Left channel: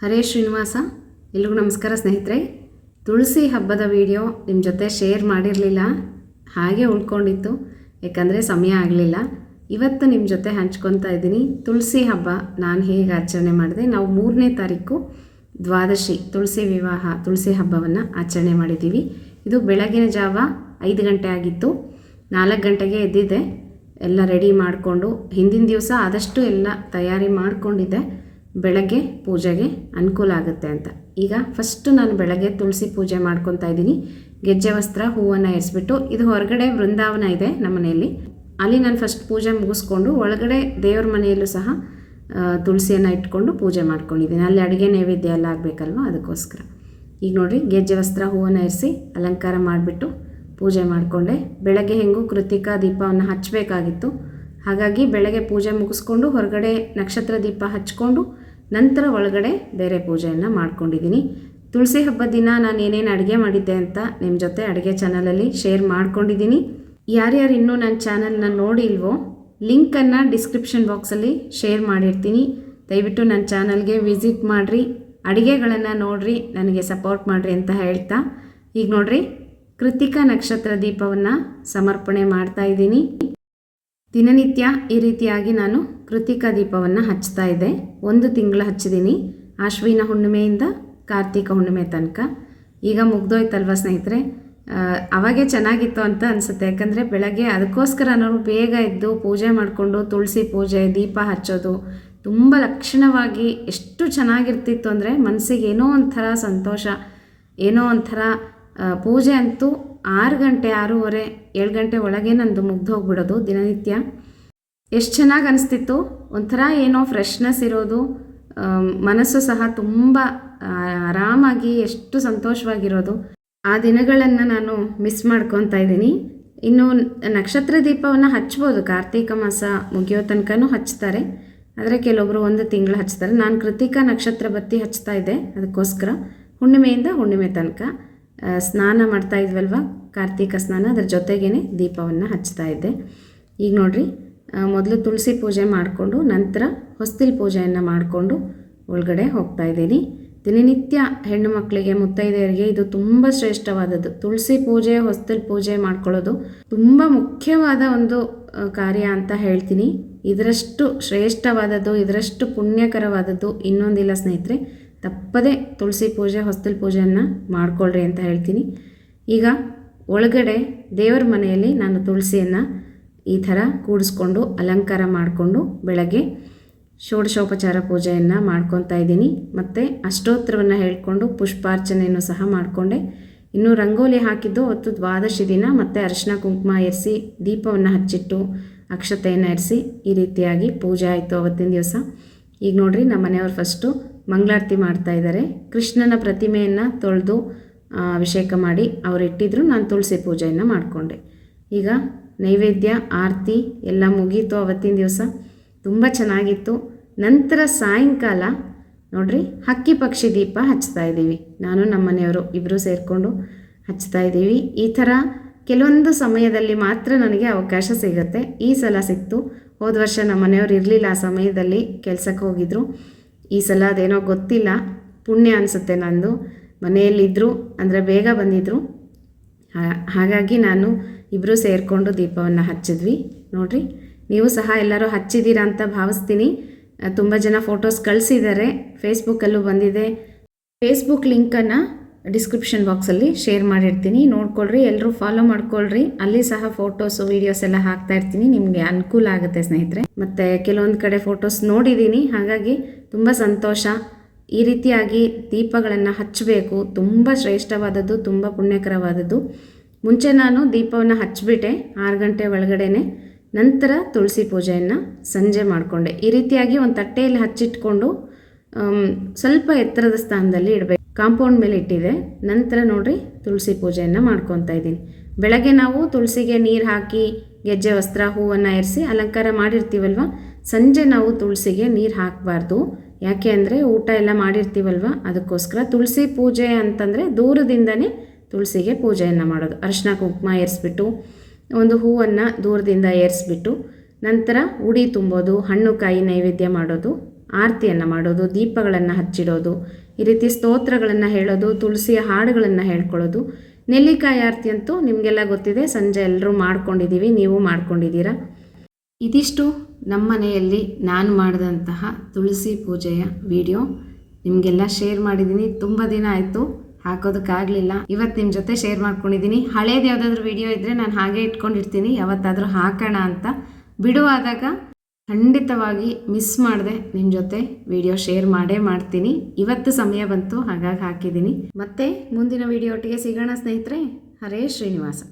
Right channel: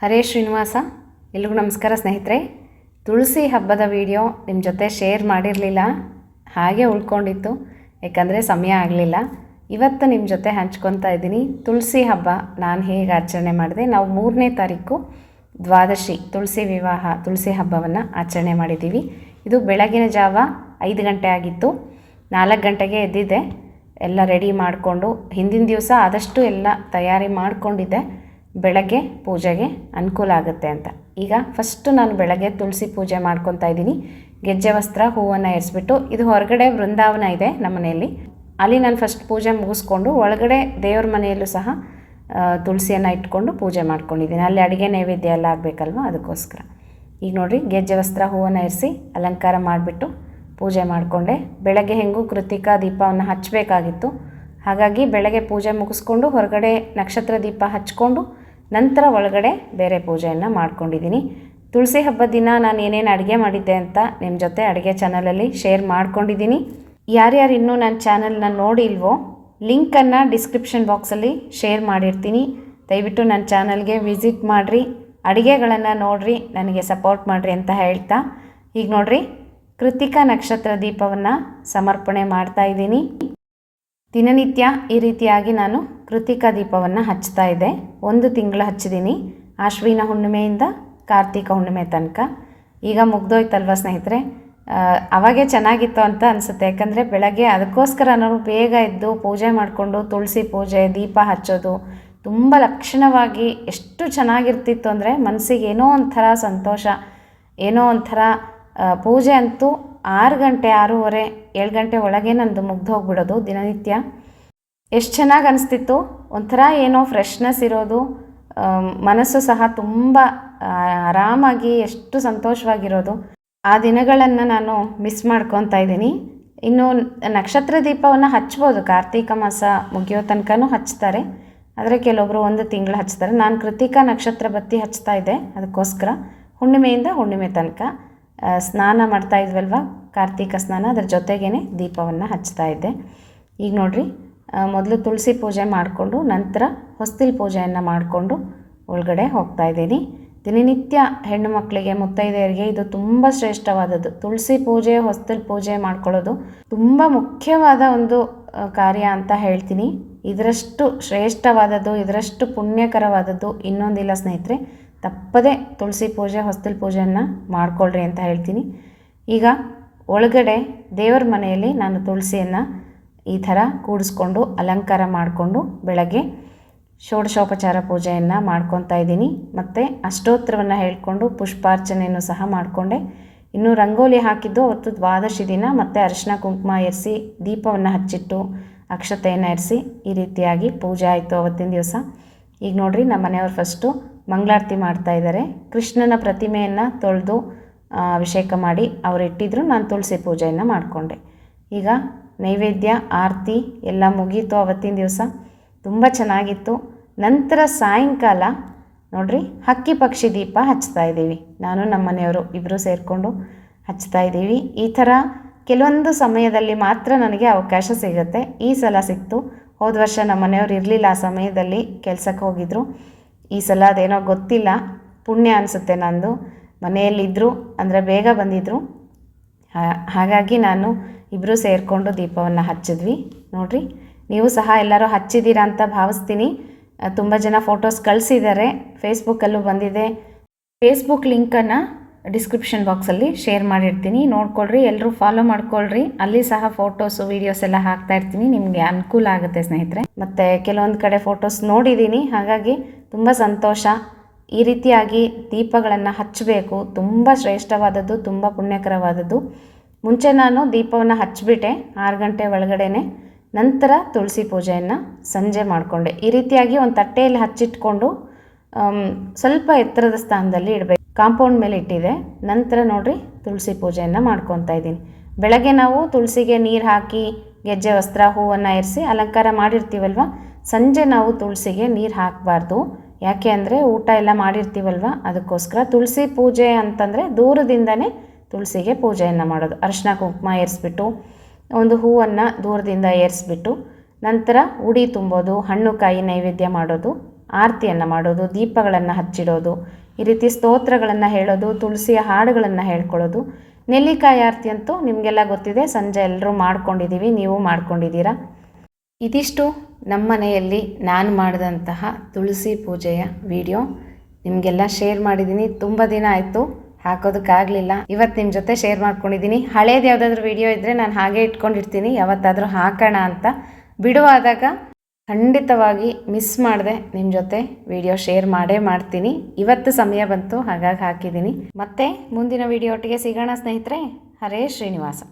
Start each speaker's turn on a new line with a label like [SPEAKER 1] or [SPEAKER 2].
[SPEAKER 1] ಹರೇ ಶ್ರೀನಿವಾಸ, ಎಲ್ರಿಗೂ ನಮಸ್ಕಾರ ಸ್ನೇಹಿತರೆ. ತುಳಸಿ ಹಬ್ಬದ ವಿಡಿಯೋ ನಿಮ್ಮ ಜೊತೆ ಶೇರ್ ಮಾಡಿರಲಿಲ್ಲ, ಹಾಗೆ ಉಳ್ಕೊಂಡಿತ್ತು, ಯಾಕಂದರೆ ಸಮಯ ಆಗಲಿಲ್ಲ. ಇವತ್ತು ನಿಮ್ಮ ಜೊತೆ ಹಂಚ್ಕೊತಾ ಇದ್ದೀನಿ ತುಳಸಿ ಹಬ್ಬ. ನಾನು ಹೇಗೆ ಆಚರಣೆ ಮಾಡಿದೆ, ನಾವು ಮೂರನೇ ತಾರೀಕು ದ್ವಾದಶಿ, ತುಳಸಿ ವಿವಾಹ, ತುಳಸಿ ಹಬ್ಬವನ್ನು ಆಚರಣೆ ಮಾಡಿದ್ದೀವಿ ಇದು ಬೆಳಗಿನ ಜಾವ ಐದು ಗಂಟೆ ಆಗಿತ್ತು, ನಾಲ್ಕು ಗಂಟೆಗೆ ಎದ್ದಿದ್ದೆ ಎಲ್ಲ ರೆಡಿ ಮಾಡಿಕೊಂಡು, ಹಿಂದಿನ ದಿವಸ ಆದಷ್ಟು ಎಲ್ಲ ತಯಾರಿ ಮಾಡಿಕೊಂಡಿದ್ದೆ. ಬೆಳಗ್ಗೆ ಪೂಜೆಗೆ ಅನುಕೂಲ ಆಗುತ್ತೆ ಅಂತ. ಈಗ ಫಸ್ಟು ನಾನು ಬೆಳಗ್ಗೆ ತುಳಸಿ ಪೂಜೆ ಮಾಡ್ಕೊತಾ ಇದ್ದೀನಿ. ಗೆಜ್ಜೆ ವಸ್ತ್ರ ಹೂವನ್ನು ಎರಿಸ್ಬಿಟ್ಟು ಇದು ಹೊರಗಡೆ ವೃಂದಾವನ ಇದೆ ನಮ್ಮ ಮನೆಯಲ್ಲಿ. ಅಲ್ಲಿ ನಾನು ಫಸ್ಟ್ ಪೂಜೆ ಮುಗಿಸ್ಕೊಂಡು ಒಳಗಡೆ ದೇವ್ರ ಮನೆಯಲ್ಲೂ ಸಹ ತುಳಸಿಯನ್ನು ಇಟ್ಕೊಂಡು ಪೂಜೆ ಮಾಡ್ಕೊಂಡಿದ್ದೀನಿ. ಅಲ್ಲಿ ಅಡುಗೆ ನೈವೇದ್ಯ ಎಲ್ಲ ಆಗಬೇಕಲ್ವ? ಅದಕ್ಕೋಸ್ಕರ. ಈಗ ನೋಡಿರಿ, ಗೆಜ್ಜೆ ವಸ್ತ್ರ ಹೂವನ್ನು ಇರಿಸಿ ಅಲಂಕಾರ ಮಾಡಿಬಿಟ್ಟು ಪೂಜೆ ಮಾಡಿಕೊಂಡೆ. ಬೆಳಗ್ಗೆ ಹೆಂಗೂ ಕೃತಿಕಾ ದೀಪವನ್ನು ಹಚ್ಚಬೇಕಾಗಿತ್ತು ಹಾಗಾಗಿ ಬೆಳಗ್ಗೆ ಪೂಜೆ ಮುಗಿಸ್ಕೊಂಡು ಹೊರಗಡೆ ನಕ್ಷತ್ರ ದೀಪ ಹಚ್ಕೊಂಡು ನಂತರ ಒಳಗಡೆ ಬೇರೆ ಪೂಜೆಯನ್ನು ಮಾಡ್ಕೊಂಡಿದ್ದೀನಿ. ತುಳಸಿ ಹಬ್ಬದ ದಿನ ನಾನು ಏನೇನು ಅಡುಗೆ ಮಾಡಿದ್ದೆ ಅಂತ ನಿಮ್ಮ ಜೊತೆ ಅಡುಗೆ ಚಾನಲಲ್ಲಿ ಶೇರ್ ಮಾಡ್ಕೊಂಡಿದ್ದೀನಿ. ಯಾರ್ಯಾರು ಇನ್ನೂ ನನ್ನ ಚಾನಲ್ನ ನೋಡಿಲ್ವೋ ಲಿಂಕನ್ನು ಡಿಸ್ಕ್ರಿಪ್ಷನ್ ಬಾಕ್ಸಲ್ಲಿ ಶೇರ್ ಮಾಡಿರ್ತೀನಿ. ದಯವಿಟ್ಟು ನನ್ನ ಚಾನಲ್ಗೆ ವಿಸಿಟ್ ಮಾಡಿರಿ, ಅಡುಗೆಗಳನ್ನು ನೋಡಿರಿ, ನನಗೆ ಸಪೋರ್ಟ್ ಮಾಡಿರಿ ಅಂತ ಹೇಳ್ತಾ. ಈಗ ನೋಡಿರಿ, ಕೃತಿಕಾ ನಕ್ಷತ್ರ ದೀಪವನ್ನು ಸಮರ್ಪಣೆ ಮಾಡ್ತಾ ಇದ್ದೀನಿ. ದಿನನಿತ್ಯ ಈ ರೀತಿಯಾಗಿ ನಾನು ಕೃತಿಕಾ ದೀಪವನ್ನು ಹಚ್ತಾ ಇದ್ದೆ. ಒಂದು ತಿಂಗಳು ಹಚ್ಚಿದ್ದೀನಿ ಅಶ್ವಿನ ಹುಣ್ಣಿಮೆಯಿಂದ ಕಾರ್ತಿಕ ಹುಣ್ಣಿಮೆ ತನಕ. ಈಗ ಮುಗ್ದೋಯ್ತಲ್ವ ಸ್ನೇಹಿತರೆ? ಅವಾಗೆ ಚೆನ್ನಾಗಿತ್ತು ಅಂತ ಅನಿಸುತ್ತೆ. ಯಾಕಂದರೆ ಬೆಳಗ್ಗೆ ಅದಕ್ಕೋಸ್ಕರ ನಾವು ಬೇಗ ಎದ್ದು ಪೂಜೆ ಮಾಡಿಕೊಂಡು ತುಳಸಿ ಪೂಜೆ, ದೀಪ ಹಚ್ಚೋದು ತುಂಬ ಲಕ್ಷಣವಾಗಿ ಎಷ್ಟು ಚೆನ್ನಾಗಿರ್ತಿತ್ತು ಅಂದರೆ ಮನಸ್ಸಿಗೆ ಏನೋ ಒಂಥರ ಸಂತೋಷ, ಏನೋ ಒಂಥರ ಪೂಜೆ ಅಂತೂ ಆರು ಗಂಟೆ ಆರೂವರೆ ಏಳು ಗಂಟೆ ಒಳಗೆ ನಂದು ಮುಗ್ದು ಹೋಗ್ಬಿಡೋದು ದಿನನಿತ್ಯ. ಎಷ್ಟು ಚೆನ್ನಾಗಿ ಅನಿಸ್ತಿತ್ತು. ಒಂಥರ ಏನೋ ಫ್ರೆಶ್ನೆಸ್ ಇರೋದು. ಮನಸ್ಸು ಸಹ ತುಂಬ ಆರಾಮಾಗಿ ಎಷ್ಟು ಸಂತೋಷವಾಗಿರೋದು. ಆ ದಿನಗಳನ್ನು ನಾನು ಮಿಸ್ ಮಾಡ್ಕೊತಾ ಇದ್ದೀನಿ. ಇನ್ನು ನಕ್ಷತ್ರ ದೀಪವನ್ನು ಹಚ್ಬೋದು. ಕಾರ್ತೀಕ ಮಾಸ ಮುಗಿಯೋ ತನಕನೂ ಹಚ್ತಾರೆ. ಆದರೆ ಕೆಲವೊಬ್ಬರು ಒಂದು ತಿಂಗಳು ಹಚ್ತಾರೆ. ನಾನು ಕೃತಿಕ ನಕ್ಷತ್ರ ಬತ್ತಿ ಹಚ್ತಾ ಇದ್ದೆ. ಅದಕ್ಕೋಸ್ಕರ ಹುಣ್ಣಿಮೆಯಿಂದ ಹುಣ್ಣಿಮೆ ತನಕ. ಸ್ನಾನ ಮಾಡ್ತಾ ಇದ್ವಲ್ವ? ಕಾರ್ತೀಕ ಸ್ನಾನ, ಅದ್ರ ಜೊತೆಗೇ ದೀಪವನ್ನು ಹಚ್ತಾ ಇದ್ದೆ. ಈಗ ನೋಡಿರಿ ಮೊದಲು ತುಳಸಿ ಪೂಜೆ ಮಾಡಿಕೊಂಡು, ನಂತರ ಹೊಸ್ತಿಲ್ ಪೂಜೆಯನ್ನು ಮಾಡಿಕೊಂಡು ಒಳಗಡೆ ಹೋಗ್ತಾ ಇದ್ದೀನಿ. ದಿನನಿತ್ಯ ಹೆಣ್ಣು ಮಕ್ಕಳಿಗೆ ಮುತ್ತೈದೆಯರಿಗೆ ಇದು ತುಂಬ ಶ್ರೇಷ್ಠವಾದದ್ದು. ತುಳಸಿ ಪೂಜೆ, ಹೊಸ್ತಿಲ್ ಪೂಜೆ ಮಾಡ್ಕೊಳ್ಳೋದು ತುಂಬ ಮುಖ್ಯವಾದ ಒಂದು ಕಾರ್ಯ ಅಂತ ಹೇಳ್ತೀನಿ. ಇದರಷ್ಟು ಶ್ರೇಷ್ಠವಾದದ್ದು, ಇದರಷ್ಟು ಪುಣ್ಯಕರವಾದದ್ದು ಇನ್ನೊಂದಿಲ್ಲ ಸ್ನೇಹಿತರೆ. ತಪ್ಪದೆ ತುಳಸಿ ಪೂಜೆ, ಹೊಸ್ತಿಲ್ ಪೂಜೆಯನ್ನು ಮಾಡ್ಕೊಳ್ರಿ ಅಂತ ಹೇಳ್ತೀನಿ. ಈಗ ಒಳಗಡೆ ದೇವರ ಮನೆಯಲ್ಲಿ ನಾನು ತುಳಸಿಯನ್ನು ಈ ಥರ ಕೂಡಿಸ್ಕೊಂಡು ಅಲಂಕಾರ ಮಾಡಿಕೊಂಡು ಬೆಳಗ್ಗೆ ಷೋಡಶೋಪಚಾರ ಪೂಜೆಯನ್ನು ಮಾಡ್ಕೊತಾ ಇದ್ದೀನಿ. ಮತ್ತು ಅಷ್ಟೋತ್ತರವನ್ನು ಹೇಳ್ಕೊಂಡು ಪುಷ್ಪಾರ್ಚನೆಯನ್ನು ಸಹ ಮಾಡಿಕೊಂಡೆ. ಇನ್ನು ರಂಗೋಲಿ ಹಾಕಿದ್ದು ಅವತ್ತು ದ್ವಾದಶಿ ದಿನ. ಮತ್ತು ಅರಿಶಿನ ಕುಂಕುಮ ಎರಿಸಿ ದೀಪವನ್ನು ಹಚ್ಚಿಟ್ಟು ಅಕ್ಷತೆಯನ್ನು ಎರಿಸಿ ಈ ರೀತಿಯಾಗಿ ಪೂಜೆ ಆಯಿತು ಅವತ್ತಿನ ದಿವಸ. ಈಗ ನೋಡಿರಿ ನಮ್ಮ ಮನೆಯವ್ರು ಫಸ್ಟು ಮಂಗಳಾರತಿ ಮಾಡ್ತಾ ಇದ್ದಾರೆ. ಕೃಷ್ಣನ ಪ್ರತಿಮೆಯನ್ನು ತೊಳೆದು ಅಭಿಷೇಕ ಮಾಡಿ ಅವ್ರು ಇಟ್ಟಿದ್ರು, ನಾನು ತುಳಸಿ ಪೂಜೆಯನ್ನು ಮಾಡಿಕೊಂಡೆ. ಈಗ ನೈವೇದ್ಯ, ಆರತಿ ಎಲ್ಲ ಮುಗೀತು ಅವತ್ತಿನ ದಿವಸ. ತುಂಬ ಚೆನ್ನಾಗಿತ್ತು. ನಂತರ ಸಾಯಂಕಾಲ, ನೋಡ್ರಿ, ಹಕ್ಕಿ ಪಕ್ಷಿ ದೀಪ ಹಚ್ತಾ ಇದ್ದೀವಿ. ನಾನು, ನಮ್ಮ ಮನೆಯವರು ಇಬ್ಬರು ಸೇರಿಕೊಂಡು ಹಚ್ತಾ ಇದ್ದೀವಿ. ಈ ಥರ ಕೆಲವೊಂದು ಸಮಯದಲ್ಲಿ ಮಾತ್ರ ನನಗೆ ಅವಕಾಶ ಸಿಗುತ್ತೆ. ಈ ಸಲ ಸಿಕ್ತು. ಹೋದ ವರ್ಷ ನಮ್ಮ ಮನೆಯವರು ಇರಲಿಲ್ಲ ಆ ಸಮಯದಲ್ಲಿ ಕೆಲಸಕ್ಕೆ ಹೋಗಿದ್ರು. ಈ ಸಲ ಅದೇನೋ ಗೊತ್ತಿಲ್ಲ. ಪುಣ್ಯ ಅನಿಸುತ್ತೆ ನಂದು. ಮನೆಯಲ್ಲಿದ್ದರು ಅಂದರೆ ಬೇಗ ಬಂದಿದ್ದರು ಹಾಗಾಗಿ ನಾನು ಇಬ್ಬರೂ ಸೇರಿಕೊಂಡು ದೀಪವನ್ನು ಹಚ್ಚಿದ್ವಿ. ನೋಡಿರಿ, ನೀವು ಸಹ ಎಲ್ಲರೂ ಹಚ್ಚಿದ್ದೀರಾ ಅಂತ ಭಾವಿಸ್ತೀನಿ. ತುಂಬ ಜನ ಫೋಟೋಸ್ ಕಳಿಸಿದ್ದಾರೆ. ಫೇಸ್ಬುಕ್ಕಲ್ಲೂ ಬಂದಿದೆ. ಫೇಸ್ಬುಕ್ ಲಿಂಕನ್ನು ಡಿಸ್ಕ್ರಿಪ್ಷನ್ ಬಾಕ್ಸಲ್ಲಿ ಶೇರ್ ಮಾಡಿರ್ತೀನಿ. ನೋಡ್ಕೊಳ್ರಿ ಎಲ್ಲರೂ ಫಾಲೋ ಮಾಡ್ಕೊಳ್ರಿ. ಅಲ್ಲಿ ಸಹ ಫೋಟೋಸು ವೀಡಿಯೋಸ್ ಎಲ್ಲ ಹಾಕ್ತಾ ಇರ್ತೀನಿ. ನಿಮಗೆ ಅನುಕೂಲ ಆಗುತ್ತೆ ಸ್ನೇಹಿತರೆ. ಮತ್ತು ಕೆಲವೊಂದು ಕಡೆ ಫೋಟೋಸ್ ನೋಡಿದ್ದೀನಿ ಹಾಗಾಗಿ ತುಂಬ ಸಂತೋಷ. ಈ ರೀತಿಯಾಗಿ ದೀಪಗಳನ್ನು ಹಚ್ಚಬೇಕು ತುಂಬ ಶ್ರೇಷ್ಠವಾದದ್ದು, ತುಂಬ ಪುಣ್ಯಕರವಾದದ್ದು. ಮುಂಚೆ ನಾನು ದೀಪವನ್ನು ಹಚ್ಚಿಬಿಟ್ಟೆ ಆರು ಗಂಟೆ ಒಳಗಡೆನೆ. ನಂತರ ತುಳಸಿ ಪೂಜೆಯನ್ನು ಸಂಜೆ ಮಾಡಿಕೊಂಡೆ. ಈ ರೀತಿಯಾಗಿ ಒಂದು ತಟ್ಟೆಯಲ್ಲಿ ಹಚ್ಚಿಟ್ಕೊಂಡು ಸ್ವಲ್ಪ ಎತ್ತರದ ಸ್ಥಾನದಲ್ಲಿ ಇಡಬೇಕು. ಕಾಂಪೌಂಡ್ ಮೇಲೆ ಇಟ್ಟಿದೆ. ನಂತರ ನೋಡಿರಿ ತುಳಸಿ ಪೂಜೆಯನ್ನು ಮಾಡ್ಕೊತಾ ಇದ್ದೀನಿ. ಬೆಳಗ್ಗೆ ನಾವು ತುಳಸಿಗೆ ನೀರು ಹಾಕಿ, ಗೆಜ್ಜೆ, ವಸ್ತ್ರ, ಹೂವನ್ನು ಏರಿಸಿ ಅಲಂಕಾರ ಮಾಡಿರ್ತೀವಲ್ವ? ಸಂಜೆ ನಾವು ತುಳಸಿಗೆ ನೀರು ಹಾಕಬಾರ್ದು. ಯಾಕೆ ಅಂದರೆ ಊಟ ಎಲ್ಲ ಮಾಡಿರ್ತೀವಲ್ವ? ಅದಕ್ಕೋಸ್ಕರ ತುಳಸಿ ಪೂಜೆ ಅಂತಂದರೆ ದೂರದಿಂದನೇ ತುಳಸಿಗೆ ಪೂಜೆಯನ್ನು ಮಾಡೋದು. ಅರಿಶಿನ ಕುಂಕುಮ ಏರಿಸ್ಬಿಟ್ಟು, ಒಂದು ಹೂವನ್ನು ದೂರದಿಂದ ಏರಿಸ್ಬಿಟ್ಟು, ನಂತರ ಉಡಿ ತುಂಬೋದು, ಹಣ್ಣು ಕಾಯಿ ನೈವೇದ್ಯ ಮಾಡೋದು. ಆರತಿಯನ್ನು ಮಾಡೋದು, ದೀಪಗಳನ್ನು ಹಚ್ಚಿಡೋದು, ಈ ರೀತಿ ಸ್ತೋತ್ರಗಳನ್ನು ಹೇಳೋದು, ತುಳಸಿಯ ಹಾಡುಗಳನ್ನು ಹೇಳ್ಕೊಳ್ಳೋದು. ನೆಲ್ಲಿಕಾಯಿ ಆರತಿ ಅಂತೂ ನಿಮಗೆಲ್ಲ ಗೊತ್ತಿದೆ, ಸಂಜೆ ಎಲ್ಲರೂ ಮಾಡ್ಕೊಂಡಿದ್ದೀವಿ ನೀವು ಮಾಡ್ಕೊಂಡಿದ್ದೀರಾ? ಇದಿಷ್ಟು ನಮ್ಮ ಮನೆಯಲ್ಲಿ ನಾನು ಮಾಡಿದಂತಹ ತುಳಸಿ ಪೂಜೆಯ ವಿಡಿಯೋ. ನಿಮಗೆಲ್ಲ ಶೇರ್ ಮಾಡಿದ್ದೀನಿ, ತುಂಬ ದಿನ ಆಯಿತು, ಹಾಕೋದಕ್ಕಾಗಲಿಲ್ಲ. ಇವತ್ತು ನಿಮ್ಮ ಜೊತೆ ಶೇರ್ ಮಾಡ್ಕೊಂಡಿದ್ದೀನಿ. ಹಳೇದು ಯಾವುದಾದ್ರೂ ವಿಡಿಯೋ ಇದ್ದರೆ ನಾನು ಹಾಗೆ ಇಟ್ಕೊಂಡಿರ್ತೀನಿ, ಯಾವತ್ತಾದರೂ ಹಾಕೋಣ ಅಂತ. ಬಿಡುವಾದಾಗ ಖಂಡಿತವಾಗಿ ಮಿಸ್ ಮಾಡಿದೆ ನಿಮ್ಮ ಜೊತೆ ವಿಡಿಯೋ ಶೇರ್ ಮಾಡೇ ಮಾಡ್ತೀನಿ. ಇವತ್ತು ಸಮಯ ಬಂತು, ಹಾಗಾಗಿ ಹಾಕಿದ್ದೀನಿ. ಮತ್ತೆ ಮುಂದಿನ ವಿಡಿಯೋ ಒಟ್ಟಿಗೆ ಸಿಗೋಣ ಸ್ನೇಹಿತರೆ. ಹರೇ ಶ್ರೀನಿವಾಸ.